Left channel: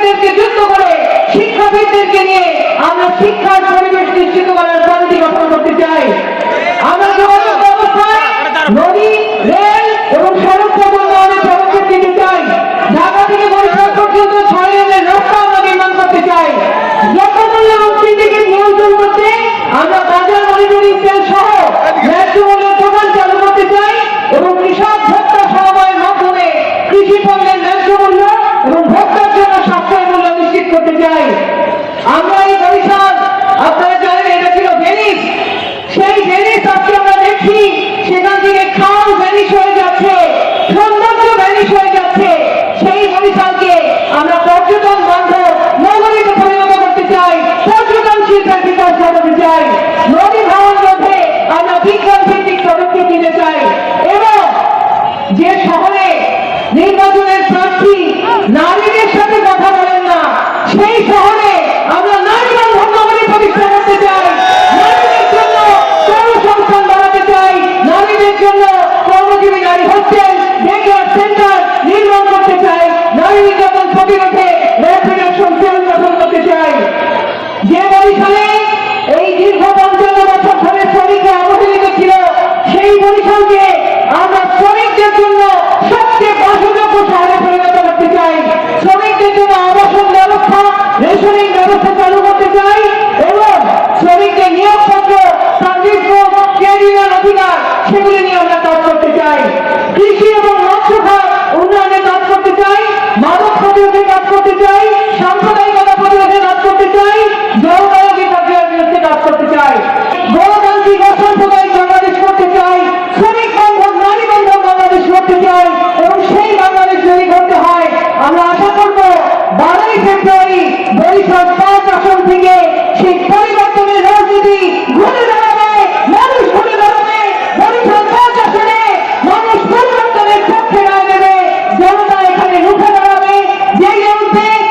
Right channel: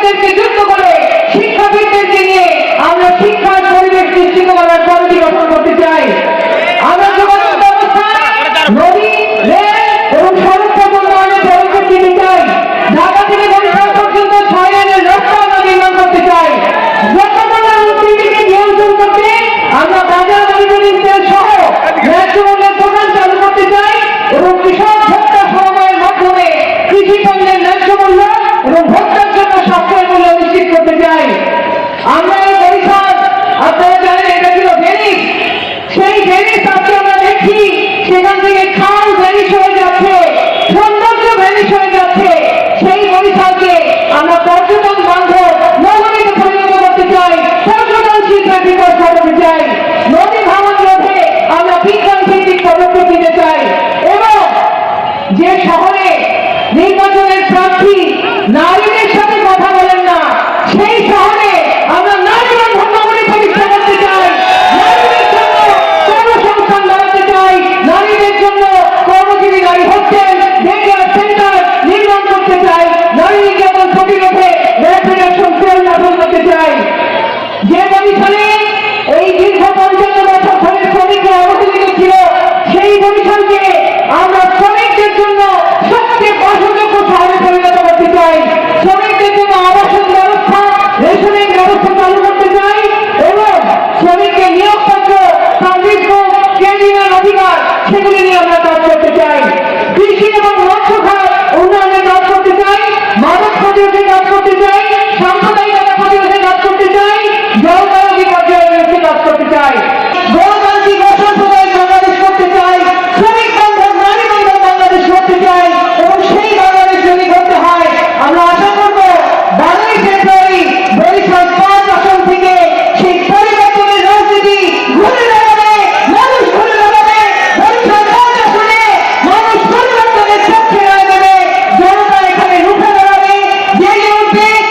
শিক্ষকদেরকে যুক্ত করে শিক্ষাবিদদেরকে নিয়ে আমরা শিক্ষার পরিবেশ নিশ্চিত করার কমিটি গঠন করতে চাই। আমরা যোগাযোগ ব্যবস্থায় নদী, রেল এবং সড়ক পথ উন্নয়নের পদক্ষেপ নিতে চাই। ঢাকা থেকে বরিশাল পর্যন্ত 6 লেনের রাস্তা আমরা নির্মাণ করতে চাই। দ্রব্যমূল্যের ঊর্ধ্বগতিকে নিয়ন্ত্রণ করতে আমরা বাজার মনিটরিং সেল সহ ন্যায্য মূল্যের দোকান চালু করতে চাই এবং কৃষক ভোক্তা সমবায়ের মাধ্যমে কৃষি পণ্যের ন্যায্য মূল্য এবং ভোক্তার জন্য সাশ্রয়ী মূল্য নিশ্চিত করতে চাই। আমরা এই বরিশাল, আপনারা জানেন এটা ছিল ভেনিস, সেই ভেনিস আজকে আমরা দেখি সেখান থেকে খাল ভ্যানিশ হয়ে যাচ্ছে, সৌন্দর্য ভ্যানিশ হয়ে যাচ্ছে। সেই বরিশালকে আমরা পর্যটন বান্ধব নগরীতে পরিণত করতে চাই, পর্যটনশীল বিকাশ ঘটাতে চাই। নদী ভাঙন রোধে আমরা বিজ্ঞান ভিত্তিক পদক্ষেপ নিতে চাই এবং যে শহরে নির্বাচনের প্রার্থী নারীদের সাথে কথা বলেন না, সেই শহরে